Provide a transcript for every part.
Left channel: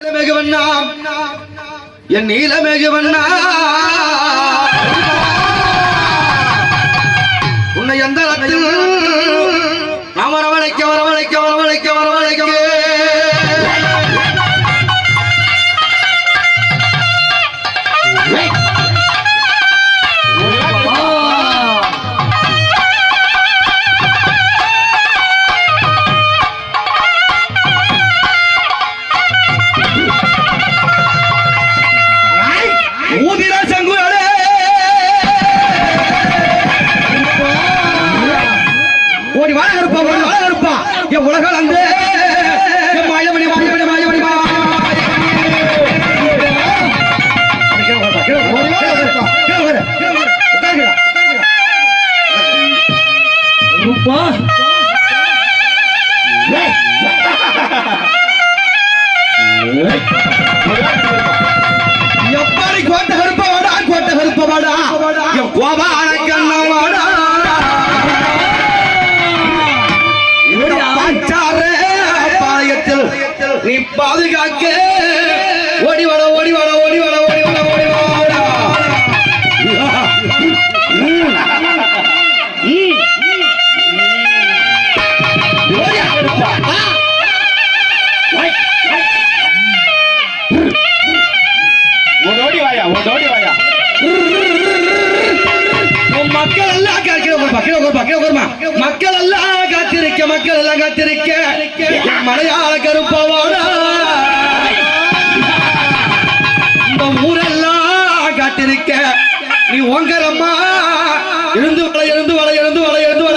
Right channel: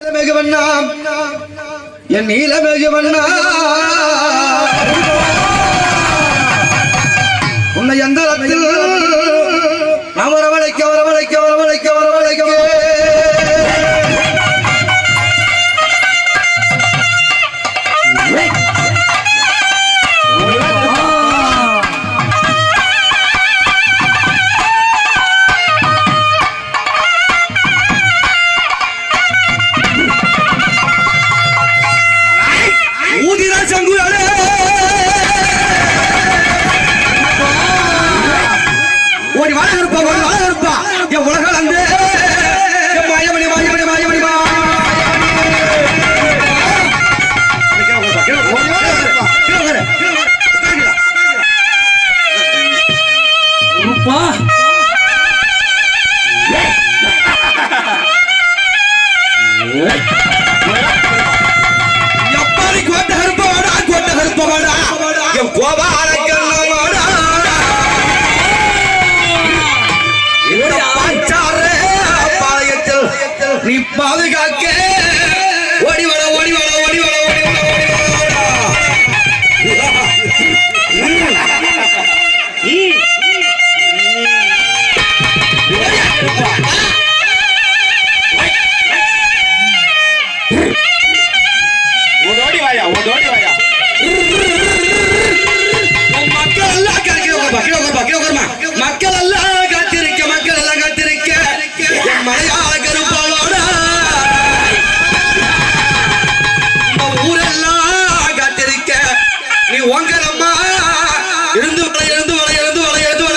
நீலமெகு வண்ணா என் நீலமெகு வண்ணா ரூபா எப்பாடி கோட்டை கருப்பவாடா கோட்டை கருப்பவாடா என் கோபா அழைக்கண்ணவாடா நீ பாதுகாக்க ஓடோடி வாயா ஓடோடி வாயா மக்கள் எல்லாம் காத்திருக்க மக்கள் உட்கார் மக்கள் உட்கார்மா மக்கள் எல்லாம் காத்திருக்க மக்கள் எல்லாம் காத்திருக்க மலையாள கருப்பாளோட இந்த ஊரெல்லாம் காத்திருக்க நீ உங்கரம்மா எழுந்து வர எழுந்து வர எழுந்து வர எழுந்து வர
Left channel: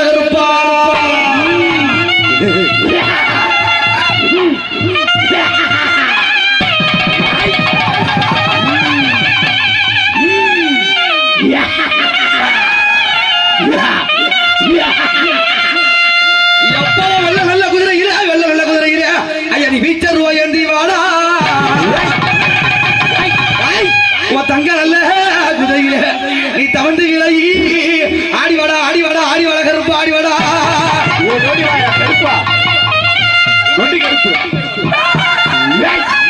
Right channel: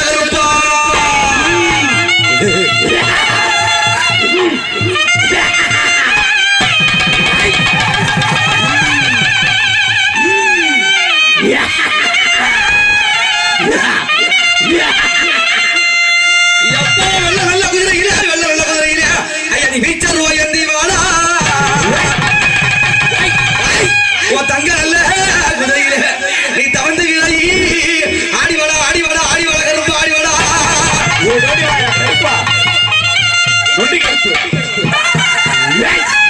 வெள்ள வெள்ள குதிரைகிறா வெள்ள வெள்ள குதிரைகிறா ஐயா நீ வீச்சல் ஓயந்தி வாடா தங்க நல்ல Yes!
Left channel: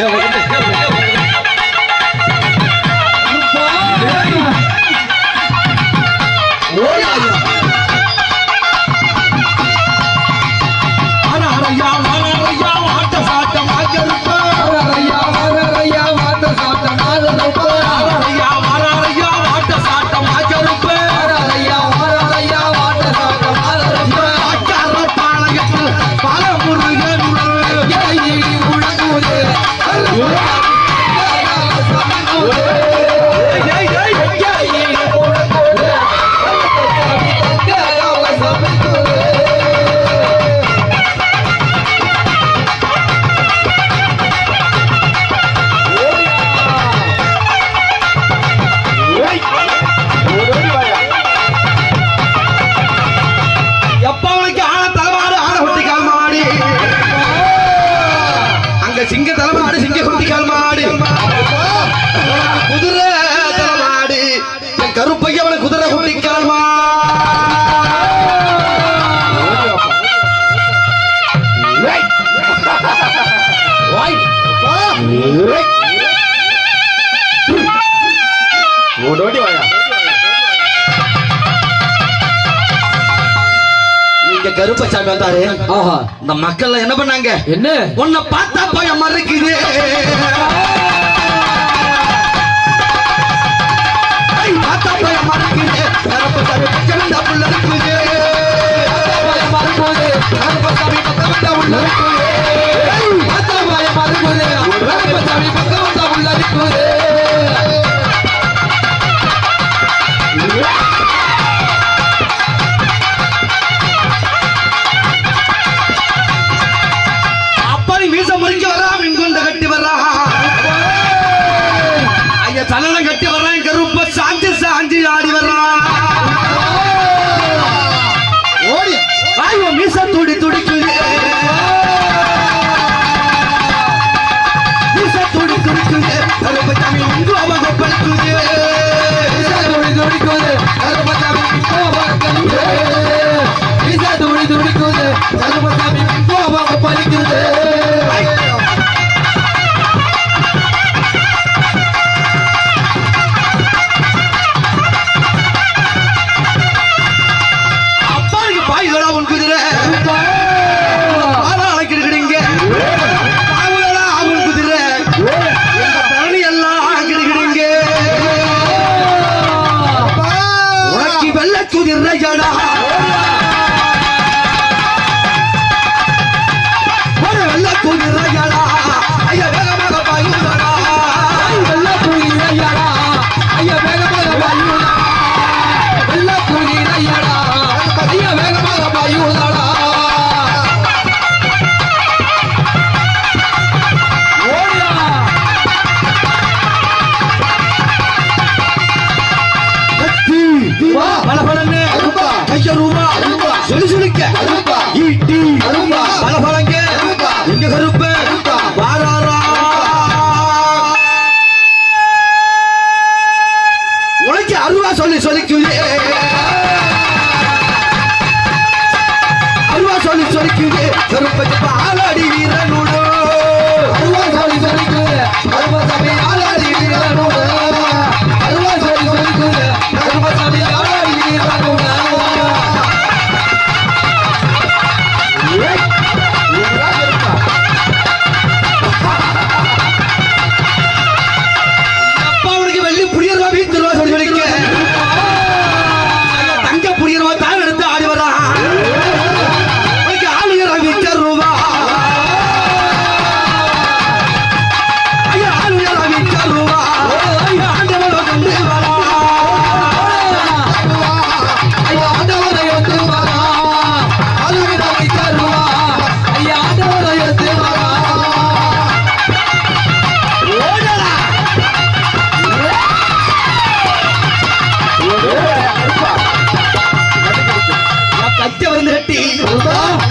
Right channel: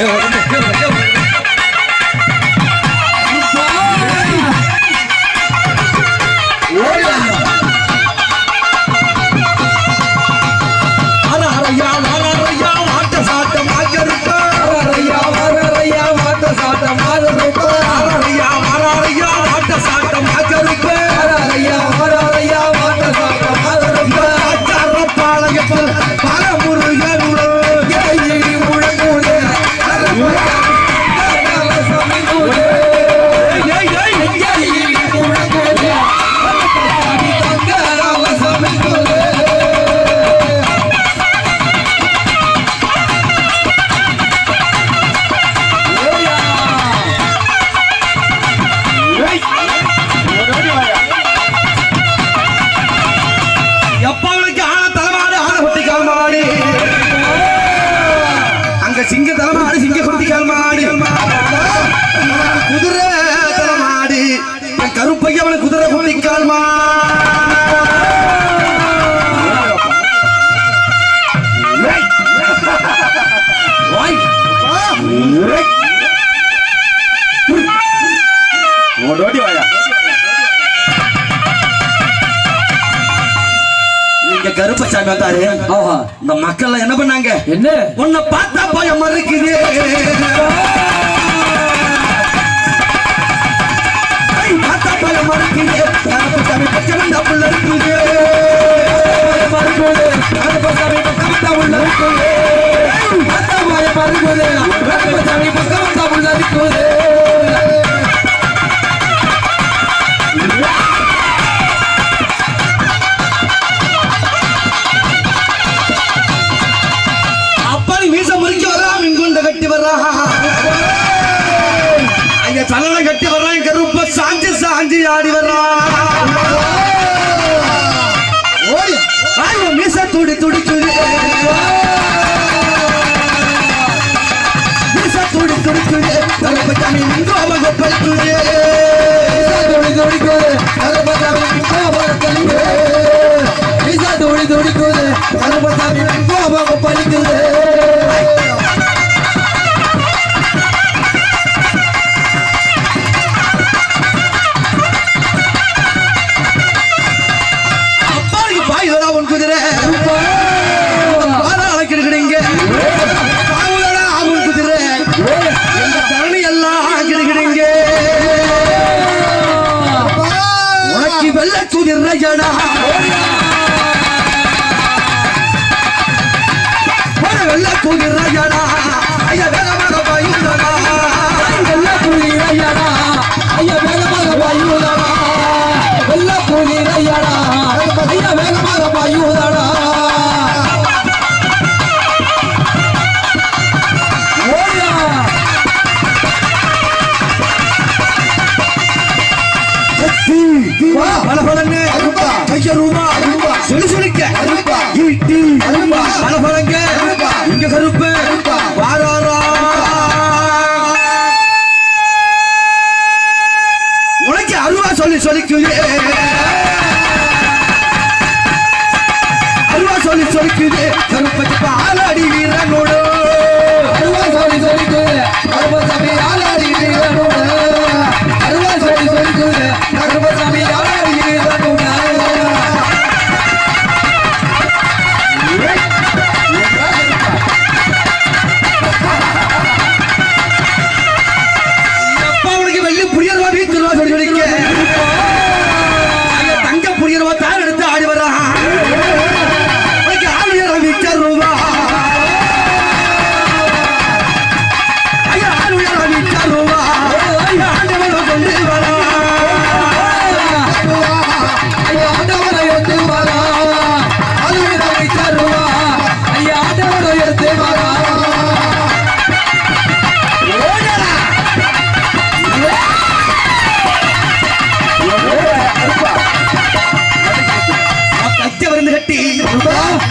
Heel goed, heel. மூணு வாட்டி வாயா இங்க கருப்பசாமி இந்த மக்கள் என்ன பண்ணாங்க? என்ன? உன்னை பார்த்தா பயம் மறுக்குது. ser.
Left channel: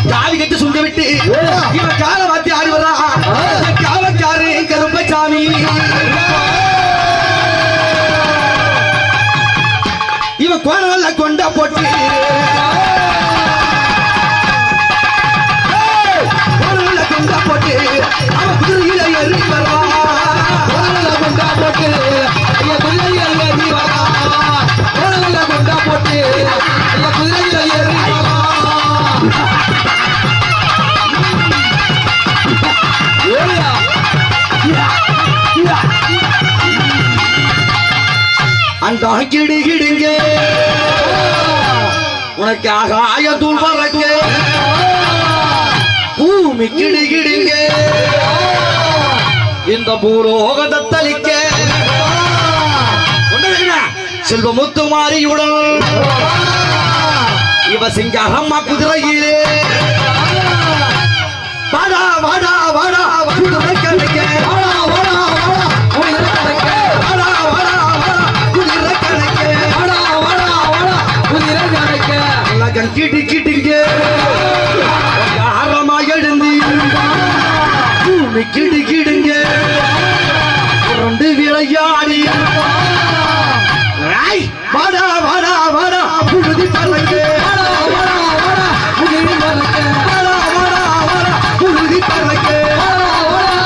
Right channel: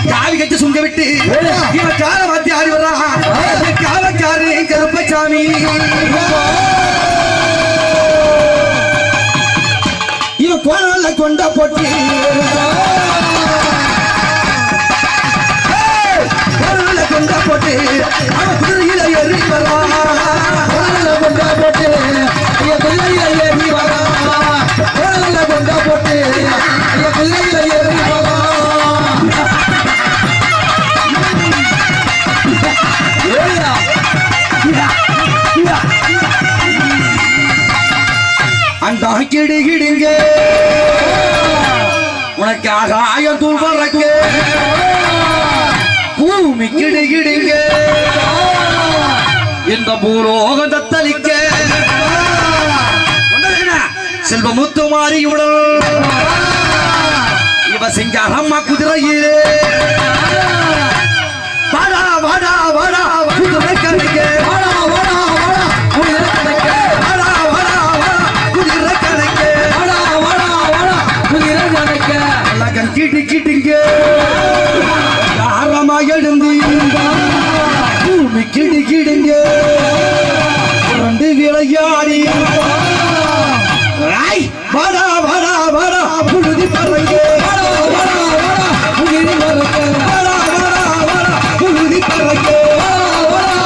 தாலி கட்டி சுங்க விட்டு கால வாத்தி தாங்கிடுகிடுங்க உனக்கு ஆகாய தூள் பறக்க. பூமி கிடுகிடுங்க இந்த பூலோக தத்தளிக்க செல்வமுத்து மாறியுடன் இவ சிங்காரம்மா குதிரையிலே. வாடா வாடா வாடா குதிரை கிடைக்க வாடா அப்படி கிடு கிடுங்க வந்து விளையாடி. வாடா வாடா வாடா புழுதி பறங்க வாடா வாடா வாடா புழுதி பறங்க வாடா வாடா வாடா புழுதி பறங்க வாடா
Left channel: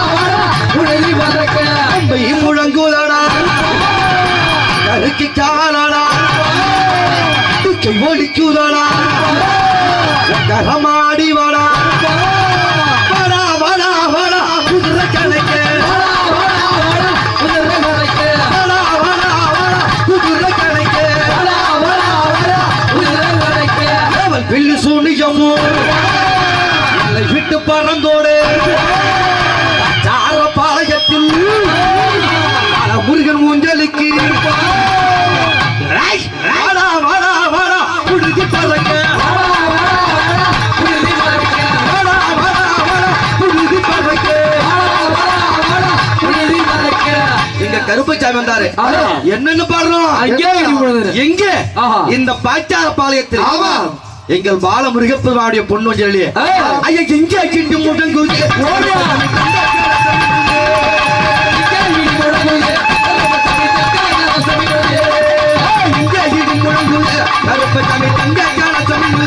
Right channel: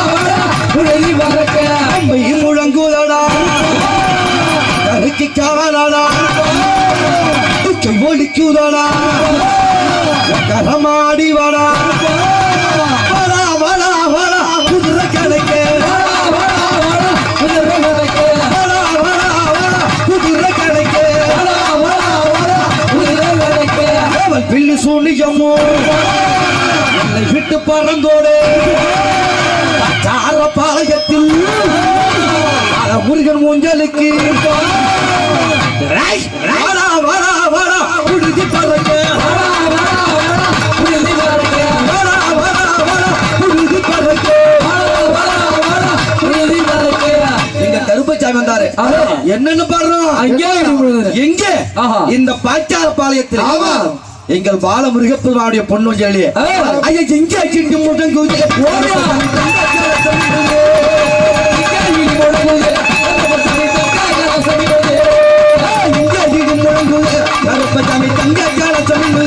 முழங்குதடா கருக்கு காலடா ஒழிக்குதடா ஊஞ்சலுக்கு வாடா வாடா வாடா புடிச்சு தரங்க கருப்பச்சாமி எங்க? இந்த பாச்சார பாளையத்தில். எங்கள் பாலமுருகப்பெருமானுடைய பொண்ணு சொல்லியே ஐயா எங்க கிட்டு மூட்டம் குறிச்சு கருப்பு தமிழ் தங்க கால தமிழ்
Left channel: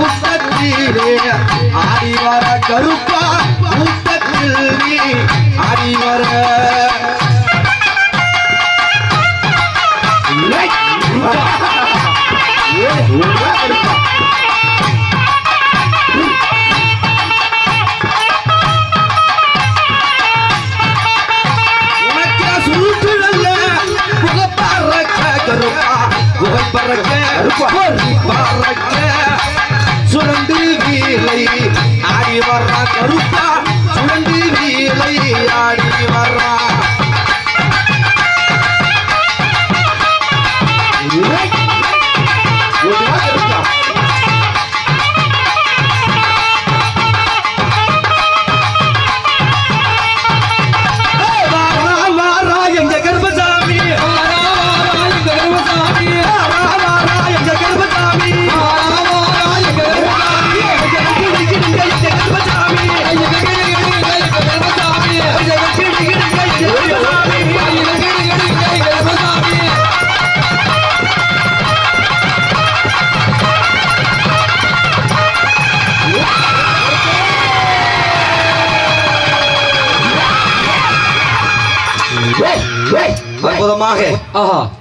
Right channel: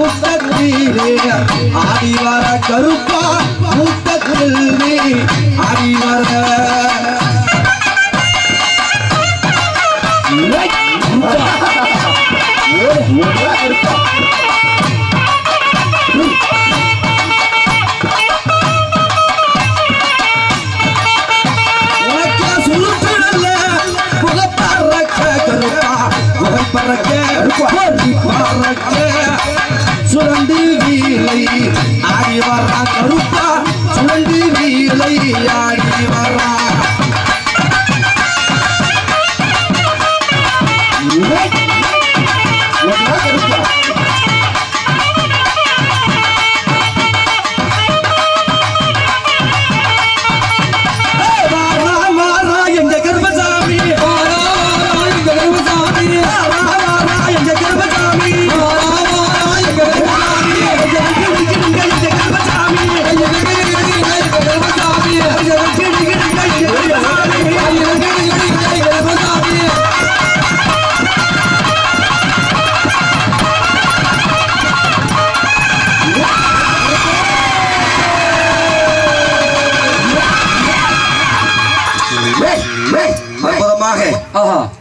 ಮುತ್ತಜ್ಜೀರೆ ಆದಿವಾರ ಕರುಪ ಮುತ್ತಜ್ಜಿ ಆದಿವಾರ ಪರಕ್ಕೆ ಪರಕ್ಕೆ சுரண்டு வீலை ஆடி வர்ற கருப்பா சுரண்டு வீலை